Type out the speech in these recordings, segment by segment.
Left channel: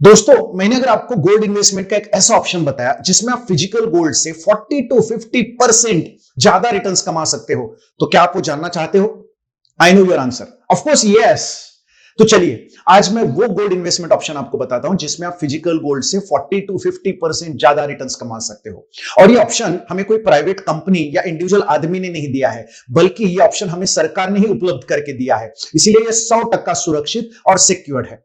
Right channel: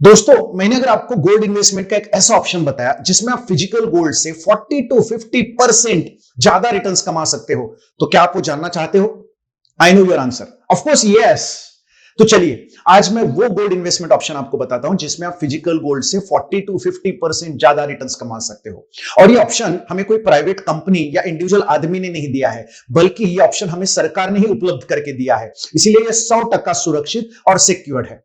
दोस्तों, मैंने अगर आपको गोल्ड इन्वेस्टमेंट का एक ऐसा ऑप्शन बताया जिसमें आप फिजिकल गोल्ड से 40 टू 50% ज्यादा रिटर्न्स कमा सकते हो, तो क्या आप वो जानना चाहते हो? I know your answer, of course yes. तो चलिए, आज मैं वो गोल्ड इन्वेस्टमेंट ऑप्शन आपको बताता हूं जिसमें आप फिजिकल गोल्ड से 40 टू 50% ज्यादा रिटर्न्स कमा सकते हो। और ये ऑप्शन हमें कोई प्राइवेट कंपनी या इंडिविजुअल आदमी ने नहीं दिया है, बल्कि ये ऑप्शन हमें सरकार ने ही उपलब्ध करके दिया है। इसीलिए ये 100% सुरक्षित और सिक्योर्ड है।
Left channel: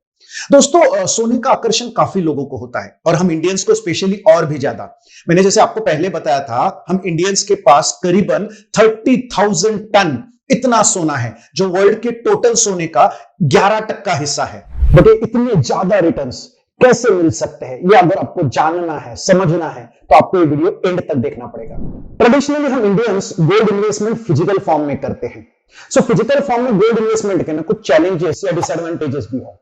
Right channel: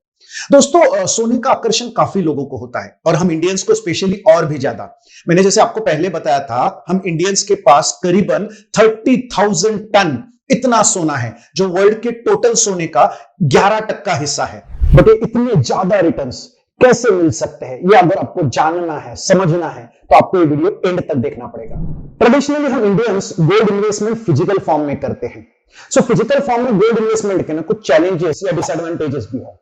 दोस्तों, सोने का आकर्षण काफी लोगों को होता है और हम इंडियंस को स्पेशली और भी ज्यादा। मैंने जैसे आपको पहले बताया था, हम इंडियंस के पास करीबन 30,000 टन इतना सोना है जो वर्ल्ड के टोटल सोने का 11% हिस्सा है। बट ये इतने ज्यादा रिटर्न्स कैसे मिल सकते हैं, ये अगर आपको जानना है, समझना है, तो आपको ये वीडियो एंड तक देखना पड़ेगा। ट्रेडिशनली हम Indians gold investment physical form में करते हैं। सो फिजिकल फॉर्म में गोल्ड इन्वेस्टमेंट के कुछ चैलेंजेस या डिसएडवांटेजेस भी है।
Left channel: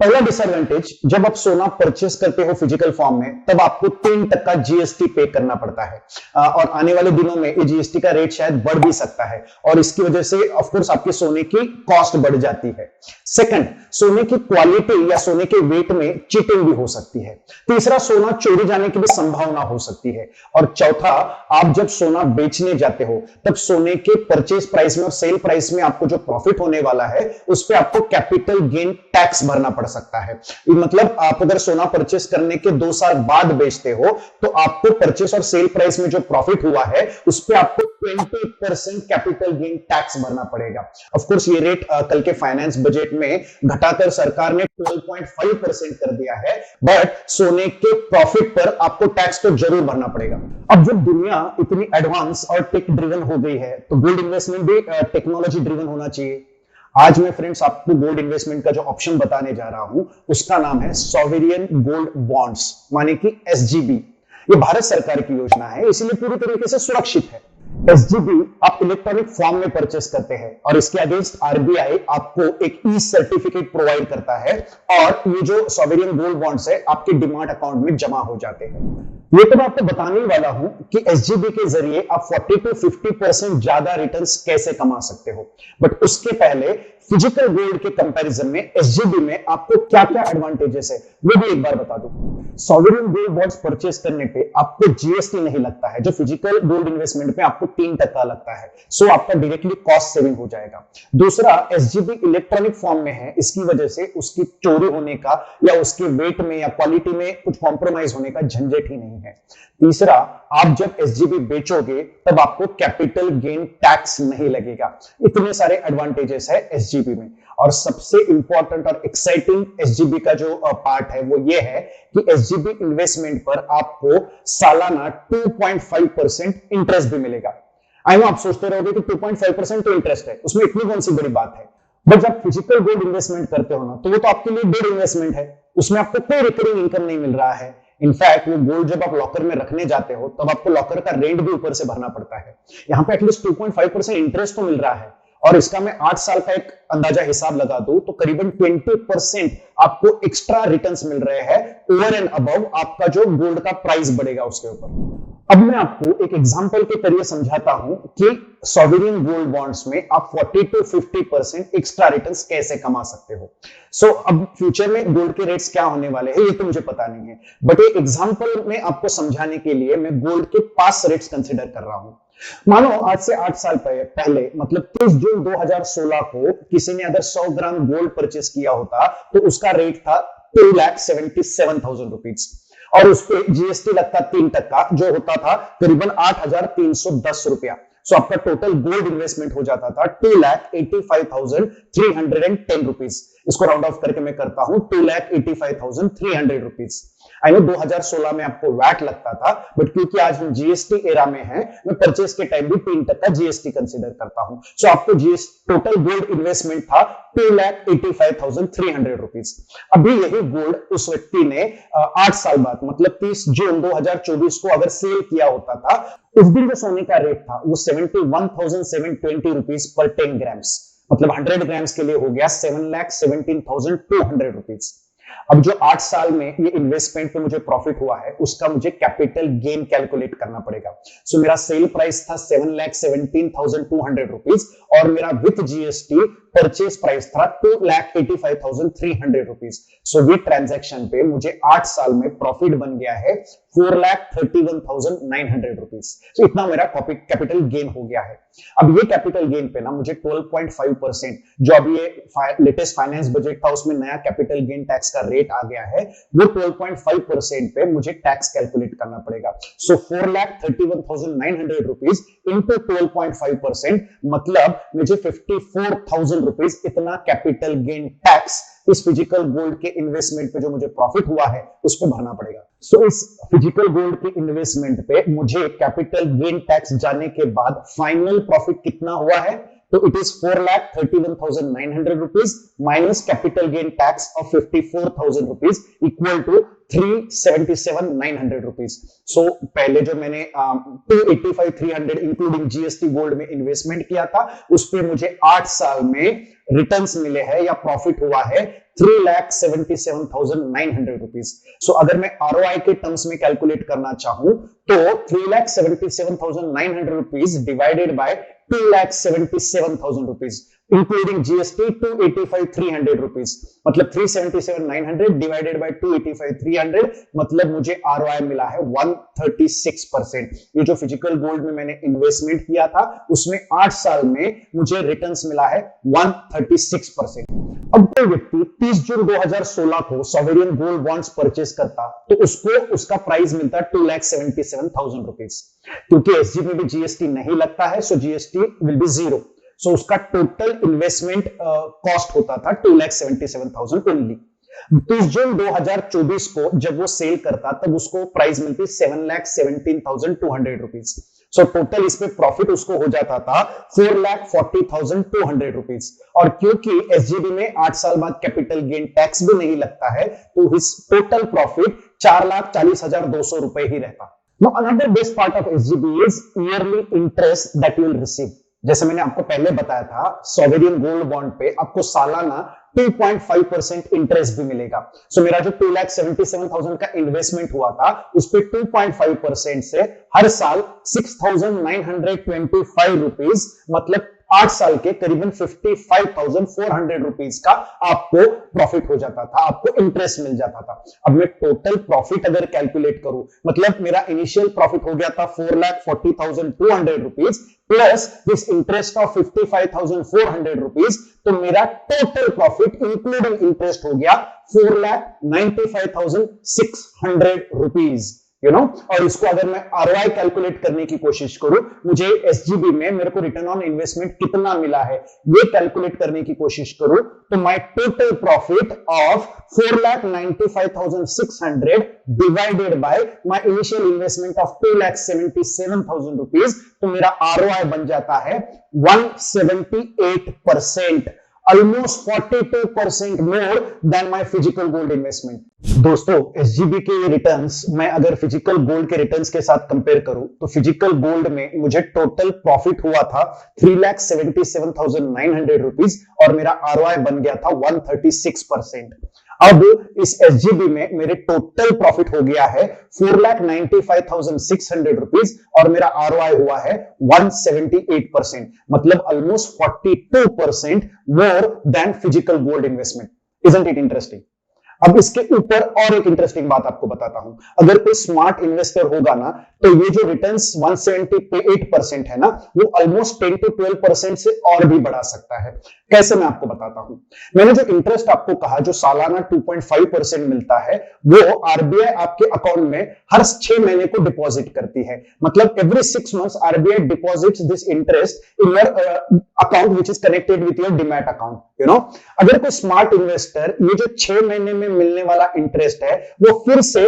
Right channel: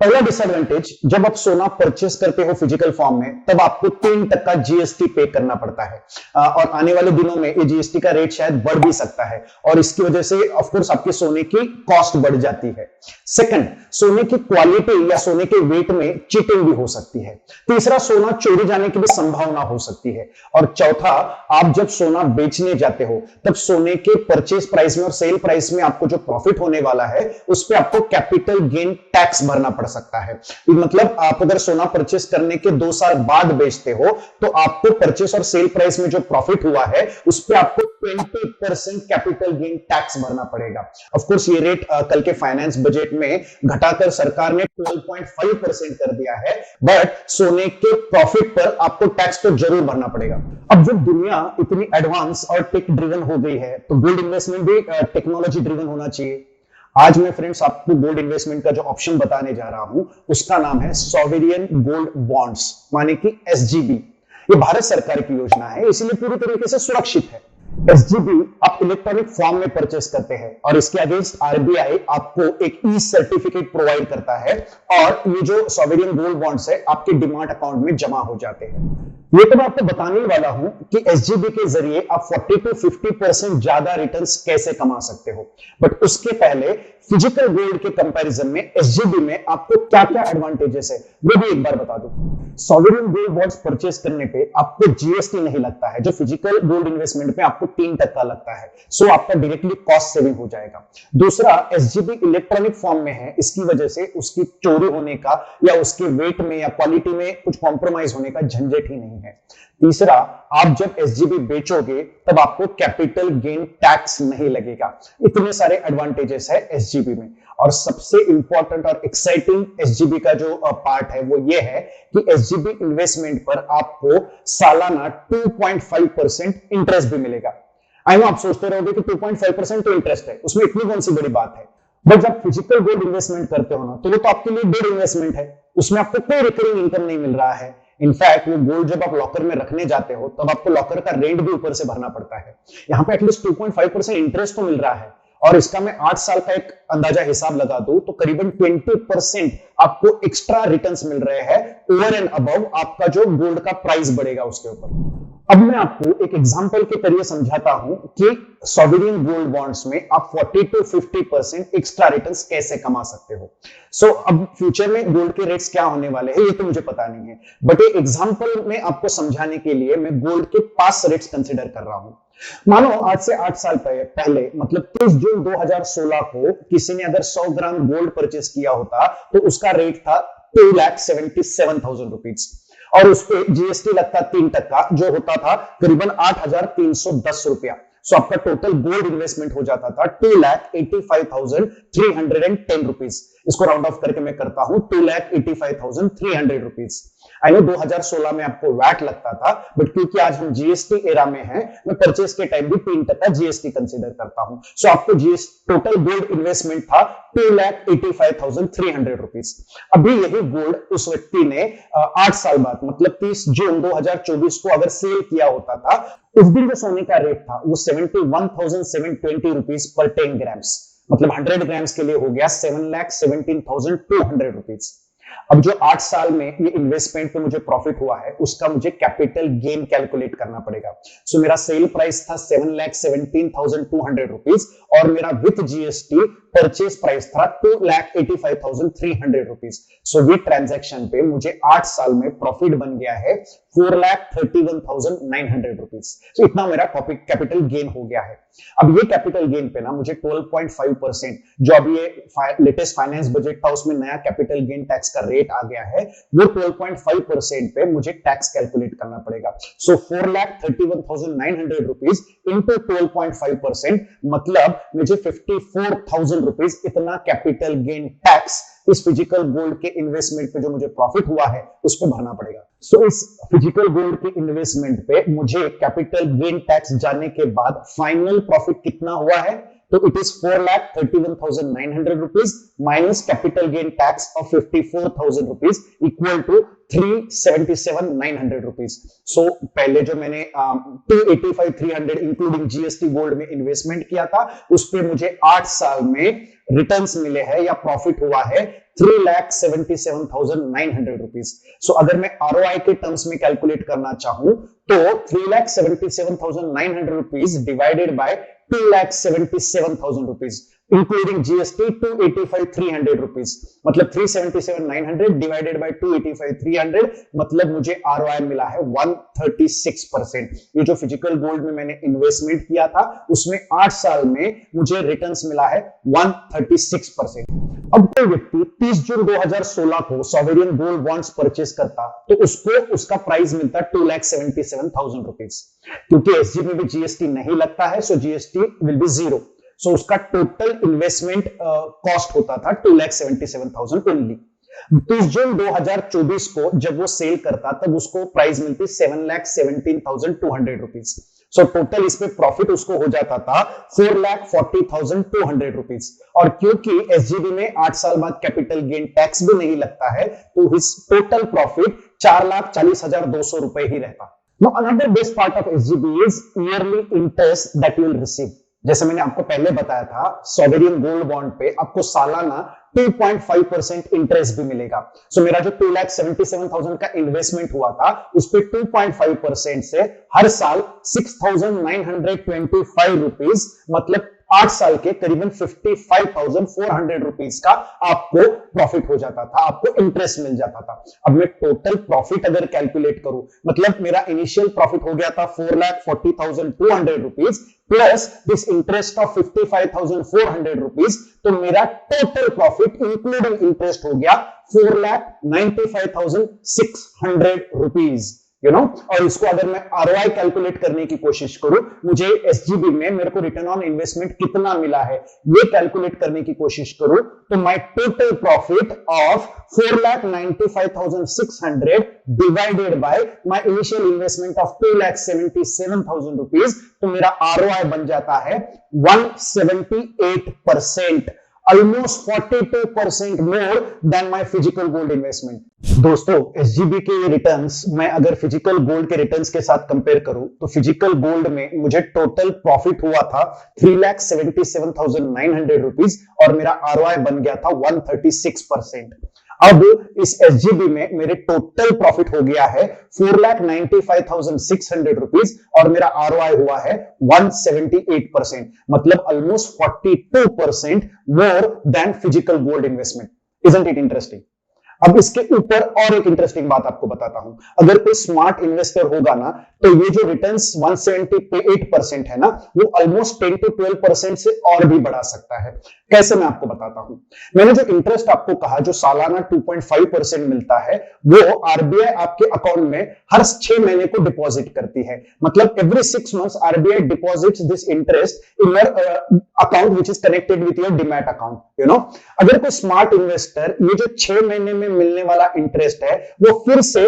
पहला डिसएडवांटेज, जब आप सोना परचेस करते हो फिजिकल फॉर्म में, तब आपको 3% जीएसटी पे करना पड़ता है। और आने वाले दिनों में ये जीएसटी का रेट शायद बढ़ भी सकता है और इसकी वजह से ऑफ कोर्स आपके सोने की कॉस्ट बढ़ जाती है। सेकंड, सोने की क्वालिटी या सोने के वेट में चीटिंग भी हो सकती है। तीसरा, सोना चोरी जाने की भी संभावना हो सकती है। और चौथा, आप जब सोना बेचने जाते हो तब सोने के परचेस प्राइस में और सेल प्राइस में आपको जो प्रॉफिट होने वाला है उस पर आपको कैपिटल गेन टैक्स भरना पड़ सकता है। मतलब आप अगर सोना परचेस करने के 2 साल बाद बेचते हो तो आपको परचेस और सेल प्राइस में जो प्रॉफिट हुआ है उस पर आपको 20% कैपिटल गेन टैक्स भरना पड़ेगा। ऑफ कोर्स ये रेट कल के फाइनेंस बजट में घटाकर सरकार ने 12.5% कर दिया है, बट सोने के प्रॉफिट पर आपको टैक्स तो जरूर भरना पड़ेगा। अब जब दुनिया इतनी एडवांस और टेक ड्रिवन हो गई है तो गोल्ड इन्वेस्टमेंट भी टेक्नोलॉजी ड्रिवन होना चाहिए। आज मैं फ्रेंड्स आपको गोल्ड इन्वेस्टमेंट का जो ऑप्शन बताने जा रहा हूं उसका नाम है सॉवरेन गोल्ड बॉन्ड्स, माने कि एसजीबी। ये भारत सरकार की योजना है, इसलिए पूरी तरीके से सुरक्षित है। एसजीबी आप इलेक्ट्रॉनिक फॉर्म में परचेस करते हैं और इसके अगेंस्ट आरबीआई आपको एक ई सर्टिफिकेट प्रोवाइड करता है और ये जो सॉवरेन गोल्ड बॉन्ड्स है आपके डिमांड अकाउंट में जमा हो जाते हैं। ये तो मैं आपको बताने वाला हूं कि एसजीबी के जरिए आप 40 टू 50% ज्यादा रिटर्न्स कैसे कमा सकते हो। बट उसके पहले फिजिकल गोल्ड के कंपैरिजन में एसजीबी में आपको क्या क्या एडवांटेजेस है मैं भी एक बार बता दूं। सॉवरेन गोल्ड बॉन्ड्स परचेस करने पे आपको जीएसटी नहीं लगता है, जो फिजिकल गोल्ड इन्वेस्टमेंट पे आपको 3% लगता है। सो आपका डायरेक्टली कॉस्ट सेविंग हो जाएगा। दूसरा, एसजीबी इलेक्ट्रॉनिक फॉर्म में है, इसकी वजह से उसकी चोरी होने का या उसके वेट में या क्वालिटी में कुछ कॉम्प्रोमाइज होने का झंझट ही नहीं है। तीसरा, आप जब एसजीबी बेचोगे तब आपको कैपिटल गेन टैक्स नहीं लगेगा। इतने सारे एडवांटेजेस है एसजीबी में। और सबसे इंपॉर्टेंट और एक्साइटिंग एसजीबी का जो पार्ट है वो ये है कि एसजीबी इन्वेस्टमेंट पर आपको सालाना 2.5% इंटरेस्ट भी मिलेगा। आई नो आप सोचते रहोगे कि 2.5% तो इंटरेस्ट है, उसमें इतनी कौन सी बड़ी बात है। बट जब फिजिकल गोल्ड इन्वेस्टमेंट करते हो ना तो वो तो आपके लिए डेड इन्वेस्टमेंट है, उसमें आपको कोई रिकरिंग इनकम नहीं मिल रहा है। इनफैक्ट वो गोल्ड जब आप लॉकर में रखने जाते हो तब आपको लॉकर का रेंट भी ऊपर से भरना पड़ता है। यहाँ पे एटलीस्ट 2.5% इंटरेस्ट तो मिल रहा है और इसका मैं 8 साल का एक अंदाजा हिसाब लगा दूं तो करीबन 20% आपको एक्स्ट्रा रिटर्न्स मिल रहे हैं ओवर एंड अबव आपका जो गोल्ड का प्राइस बढ़ेगा उसके ऊपर। अब मैं आपको एक एग्जांपल के जरिए समझाता हूं कि सॉवरेन गोल्ड बॉन्ड्स में आप 40 टू 50% एक्स्ट्रा रिटर्न्स कैसे कमा सकते हो। सो अब फ्यूचर में गोल्ड के रेट्स क्या होने वाले हैं ये तो मुझे पता नहीं है, बट एक एग्जांपल में आपको समझाने के लिए मैं गोल्ड के पास्ट रेट्स कंसीडर कर रहा हूं। मान लो आज से 8 साल पहले मतलब 30 जून 2016 को किसी ने अगर 100 ग्राम गोल्ड परचेस किया होता तो उसका रेट था 2,77,000 रुपीज और उस पर जीएसटी लगता 3%, जो होता था करीबन 8,310 रुपया। सो आपका टोटल गोल्ड इन्वेस्टमेंट हो जाता था 2,85,310 रुपीज। इसको राउंड ऑफ करके मैं करता हूं 2,85,300 रुपीज। आई नो 2016 में आपको वैट लगता था, बट क्योंकि आज हम जीएसटी एरा में हैं, मैं परचेस के टाइम भी 3% जीएसटी कंसीडर करता हूं। सो आपको जीएसटी टोटल गोल्ड इन्वेस्टमेंट था 2,85,300 रुपीज। अभी यही गोल्ड उस व्यक्ति ने 8 साल बाद मतलब 30 जून 2024 को अगर सेल किया होता था, उस दिन जो सोने का रेट था वो 71,720 रुपीज पर 10 ग्राम्स, मतलब 100 ग्राम्स के लिए हो गया 7,17,200 रुपीज। अब जो 8 साल में ये इन्वेस्टमेंट पे मुझे प्रॉफिट हुआ है उसका मुझे कैपिटल गेन कैलकुलेट करना पड़ेगा। सो मेरा सेल प्राइस था 7,17,200 रुपीज और मेरा विथ जीएसटी परचेज प्राइस था 2,85,300 रुपीज। सो विथ ट्रांजैक्शन पे मुझे 8 साल में प्रॉफिट बन गया है 4,31,900 रुपीज। तो इतना मेरा कैपिटल गेन हो गया है। अब ये कैपिटल गेन पे ना मुझे 12.5% जो अभी लेटेस्ट फाइनेंस बजट था उसमें नया कैपिटल गेन टैक्स का रेट आ गया है, वो 12.5% पे मुझे टैक्स कैलकुलेट करना पड़ेगा। सो 4,31,900 रुपीज इंटू 12.5%, मतलब मुझे 54,000 रुपीज इतना कैपिटल गेन टैक्स इस फिजिकल गोल्ड के इन्वेस्टमेंट पे जो मुझे प्रॉफिट हुआ है उस पर भरना पड़ेगा। सो इस फिजिकल गोल्ड की इन्वेस्टमेंट पे मुझे कैपिटल गेन टैक्स जाने के बाद फाइनल प्रॉफिट कितना हुआ है, तो it is 4,31,900 rupees minus capital gain tax of 54,000 rupees equal to 377,900 rupees. So पहले जो मैंने 285,300 इंक्लूडिंग जीएसटी गोल्ड में इन्वेस्टमेंट किया था उस पे मुझे 8 साल में रिटर्न्स मिले हैं या प्रॉफिट हुआ है 3,77,900 रुपीज। सो अगर मैं आरओआई के टर्म्स में कैलकुलेट करना चाहूं तो 3,77,900 rupees divided by 2,77,000 rupees including GST 285,300 rupees, मतलब 377,900 डिवाइडेड बाय 285,300, मतलब मुझे आरओआई मिला है 136%। ये जो फिजिकल गोल्ड में मैंने इन्वेस्टमेंट किया था उसमें 8 साल में मुझे रिटर्न्स मिला है 136%। अब कोई व्यक्ति 30 जून 2016 को सॉवरेन गोल्ड बॉन्ड्स परचेस करता तो उसको उसका प्राइस मिलता 2,77,000 रुपीज। क्योंकि एसजीबी में जीएसटी नहीं लगता है so GST will be zero. So उसका टोटल इन्वेस्टमेंट कॉस्ट होता था 2,77,000 ओनली। 30 जून 2024 को जब वो सेल करता तब उसको प्राइस मिलती 7,17,200 रुपीज। सो टोटल इसमें प्रॉफिट उसको हो जाता था 4,40,200 रुपीज। और क्योंकि एसजीबी में 8 साल बाद कैपिटल गेन टैक्स भी नहीं लगता है तो इस टोटल प्रॉफिट 4,40,200 रुपए ही रहता। Now another best part of SGB is yearly interest that you will receive। जैसे मैंने आपको पहले बताया था सॉवरेन गोल्ड बॉन्ड पे आपको सालाना 2.5% इंटरेस्ट भी मिलेगा। सो मेरा जो 2,77,000 का इन्वेस्टमेंट हुआ था उस पे 2.5% से हर साल 6,925 रुपीज, मतलब 8 साल के करीबन 55,400 रुपीज का आपको प्रॉफिट हो जाता था, आपको इंटरेस्ट मिल जाता था। अब मैं टोटल प्रॉफिट अगर कैलकुलेट करूं, मतलब मेरा इनिशियल प्रॉफिट हो गया था 4,40,200 rupees plus this interest of 55,400 rupees, तो मेरा टोटल प्रॉफिट इंक्लूडिंग इंटरेस्ट हो गया 4,95,600 रुपीज, यू नो। और इसको अगर मैं आरओआई कैलकुलेट करने की कोशिश करूं, मुझे एसजीबी में मेरे को रिटर्न ऑन इन्वेस्टमेंट कितना मिला है ये कैलकुलेट करने की कोशिश करूं तो my total profit of 4,95,600 divided by my initial investment of 2,77,000 rupees, तो मेरा आरओआई बन जाता है 178%, almost 42% more than my physical gold investment। दोस्तों एसजीबी के ये रिटर्न्स मैं अगर फिजिकल गोल्ड के रिटर्न्स के साथ कंपेयर करूं तो फिजिकल गोल्ड में मुझे टोटल प्रॉफिट हुआ था 3,77,900 रुपीज और मेरा आरओआई बन गया था 136%। अब इस एसजीबी में मेरे टोटल प्रॉफिट हो गया है 4,95,600 रुपीज और मेरा आरओआई हुआ है 178%, मतलब almost 42% more than physical gold investment. Isn't it interesting? अब इसके ऊपर और एक इंटरेस्टिंग बात आपको बताता हूं। अगर कोई स्मार्ट इन्वेस्टर होगा ना तो ये जो रिटर्न्स 178% है ना वो ऑलमोस्ट 10 to 12% से और भी बढ़ा सकता है। कैसे, मैं आपको बताता हूं। मैंने जो इंटरेस्ट आपको कहा जो सालाना 2.5% मिलता है वो आरबीआई आपके अकाउंट में हर 6 महीने को डिपॉजिट करती है, मतलब every 6 months RBI deposits this interest in your account which is connected with your demat account, you know. अगर कोई स्मार्ट इन्वेस्टर ये जो 6 महीने में मिलने वाला इंटरेस्ट है वो फिर से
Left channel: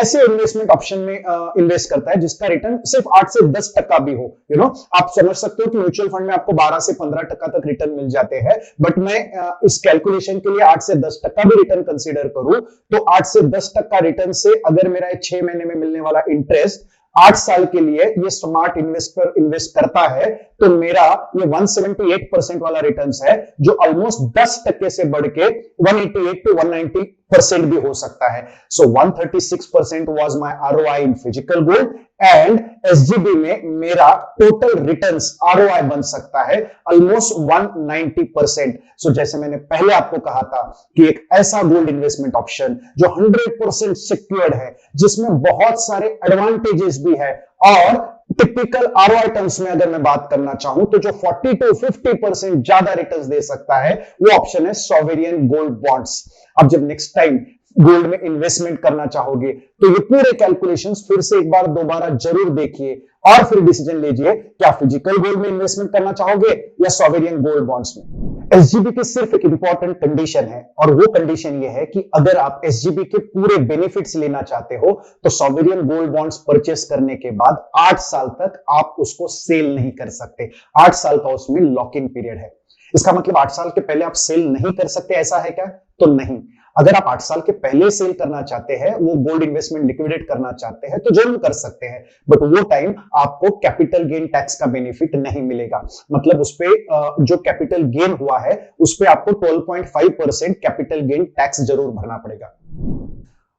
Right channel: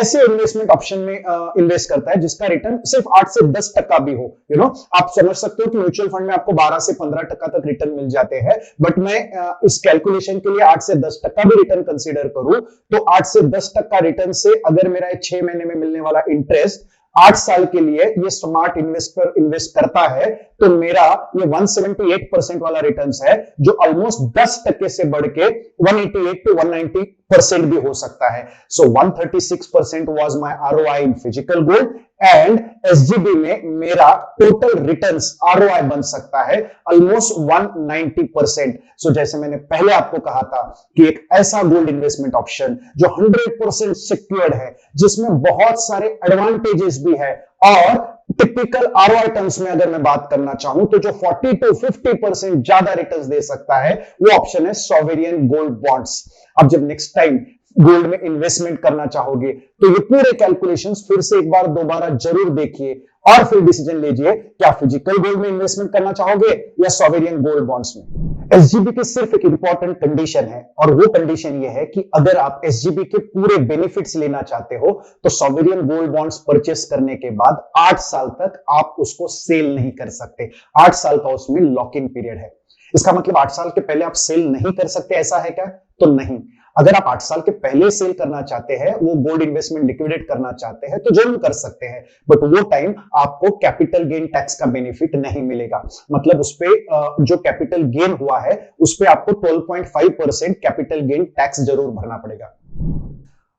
ऐसे इन्वेस्टमेंट ऑप्शन में इन्वेस्ट करता है जिसका रिटर्न सिर्फ 8 से 10% भी हो, यू नो। आप समझ सकते हो कि म्यूचुअल फंड में आपको 12 से 15% तक रिटर्न मिल जाते हैं, बट मैं इस कैलकुलेशन के लिए 8 से 10% भी रिटर्न कंसीडर करूं तो 8 से 10% रिटर्न से अगर मेरा 6 महीने में मिलने वाला इंटरेस्ट 8 साल के लिए ये स्मार्ट इन्वेस्टर इन्वेस्ट करता है तो मेरा ये 178% वाला रिटर्न्स है जो ऑलमोस्ट 10% से बढ़ के 188 to 190 परसेंट भी हो सकता है। सो 136% was my ROI in physical gold and SGB में मेरा टोटल रिटर्न्स आरओआई बन सकता है ऑलमोस्ट 190%। सो जैसे मैंने पहले आपको कहा था कि एक ऐसा गोल्ड इन्वेस्टमेंट ऑप्शन जो 100% सिक्योर्ड है, जिसमें बहुत सारे एडवांटेजेस भी है, और टिपिकल आरओआई टर्म्स में अगर मैं बात करना चाहूं तो जो 40 to 50% ज्यादा रिटर्न्स दे सकता है वो ऑप्शन है सॉवरेन गोल्ड बॉन्ड्स। अब जब नेक्स्ट टाइम गोल्ड में इन्वेस्टमेंट करना चाहोगे तो ये पूरे कैलकुलेशंस फिर से एक बार दोबारा जरूर देखिए और फिर डिसीजन लीजिए क्या फिजिकल गोल्ड में इन्वेस्टमेंट करना चाहोगे या सॉवरेन गोल्ड बॉन्ड्स में। एसजीबी की सिर्फ एक इंपॉर्टेंट कंडीशन है, और वो कंडीशन ये है कि अगर आप एसजीबी के पूरे बेनिफिट्स लेना चाहते हो तो सॉवरेन गोल्ड बॉन्ड्स परचेस करने के बाद 8 साल तक आप उसको सेल नहीं कर सकते। 8 साल का उसमें लॉक इन पीरियड है। इसका मतलब 8 साल के पहले आप सेल नहीं कर सकते, ऐसा है क्या? तो नहीं। अगर आप 8 साल के पहले सेल करना चाहते हैं, वो गोल्ड इन्वेस्टमेंट लिक्विडेट करना चाहते हैं, तो जरूर कर सकते हैं, बट वो टाइम आपको कैपिटल गेन टैक्स का बेनिफिट नहीं मिलेगा। मतलब उस पे जो कैपिटल गेन हुआ है उस पे आपको 12.5% कैपिटल गेन टैक्स जरूर भरना पड़ेगा।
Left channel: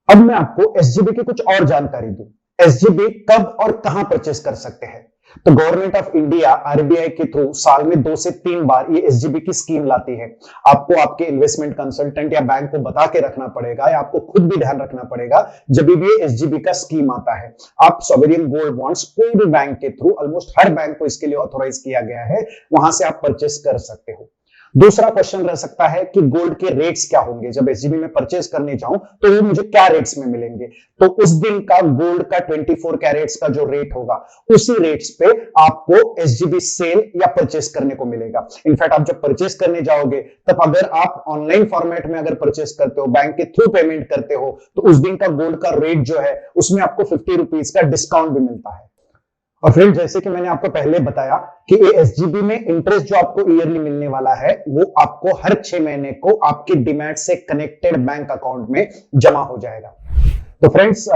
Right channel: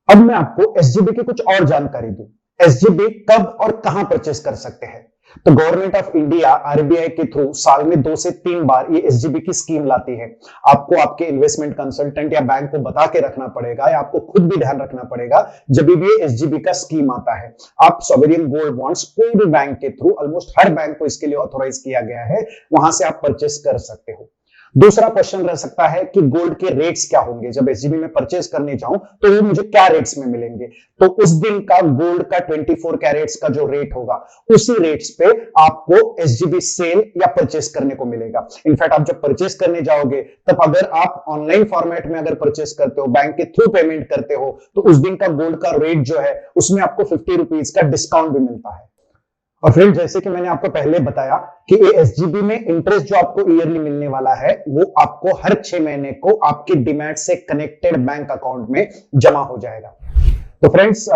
अब मैं आपको एसजीबी की कुछ और जानकारी दूं। एसजीबी कब और कहां परचेस कर सकते हैं? तो गवर्नमेंट ऑफ इंडिया आरबीआई के थ्रू साल में 2 से 3 बार ये एसजीबी की स्कीम लाती है। आपको आपके इन्वेस्टमेंट कंसल्टेंट या बैंक को बता के रखना पड़ेगा, या आपको खुद भी ध्यान रखना पड़ेगा जब भी ये एसजीबी का स्कीम आता है। आप सॉवरेन गोल्ड बॉन्ड्स कोई भी बैंक के थ्रू, ऑलमोस्ट हर बैंक को इसके लिए ऑथोराइज किया गया है, वहां से आप परचेस कर सकते हो। दूसरा क्वेश्चन रह सकता है कि गोल्ड के रेट्स क्या होंगे। जब एसजीबी में परचेस करने जाऊं तो वो मुझे क्या रेट्स में मिलेंगे? तो उस दिन का गोल्ड का 24 कैरेट्स का जो रेट होगा उसी रेट्स पे आपको एसजीबी सेल या परचेस करने को मिलेगा। इनफैक्ट आप जब परचेस करने जाओगे तब अगर आप ऑनलाइन फॉर्मेट में अगर परचेस करते हो, बैंक के थ्रू पेमेंट करते हो, तो उस दिन का गोल्ड का रेट जो है उसमें आपको 50 रुपीज का डिस्काउंट भी मिलता है। और फ्रेंड, जैसे कि मैंने आपको पहले बताया कि एसजीबी में इंटरेस्ट जो आपको ईयरली मिलने वाला है वो आपको हर 6 महीने को आपके डीमैट से कनेक्टेड बैंक अकाउंट में जमा हो जाएगा। तो फ्रेंड्स,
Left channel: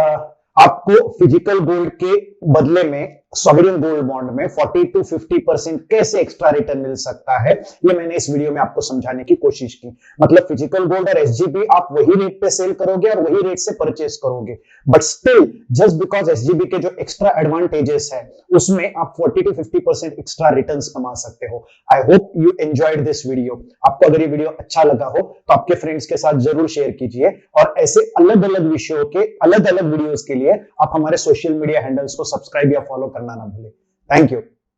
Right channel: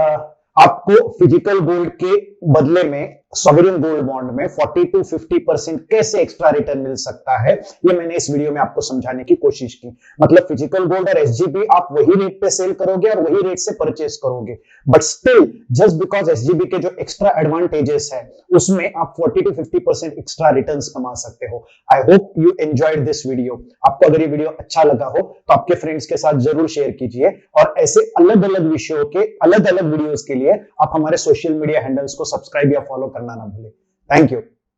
आपको फिजिकल गोल्ड के बदले में सॉवरेन गोल्ड बॉन्ड में 40 to 50% कैसे एक्स्ट्रा रिटर्न मिल सकता है, ये मैंने इस वीडियो में आपको समझाने की कोशिश की। मतलब फिजिकल गोल्ड और एसजीबी आप वही रेट पे सेल करोगे और वही रेट से परचेस करोगे, but still just because SGB के जो एक्स्ट्रा एडवांटेजेस है उसमें आप 40 to 50% एक्स्ट्रा रिटर्न्स कमा सकते हो। I hope you enjoyed this video. आपको अगर ये वीडियो अच्छा लगा हो तो आपके फ्रेंड्स के साथ जरूर शेयर कीजिए, और ऐसे अलग अलग विषयों के अलग अलग वीडियोस के लिए आप हमारे सोशल मीडिया हैंडल्स को सब्सक्राइब या फॉलो करना ना भूलें। Thank you.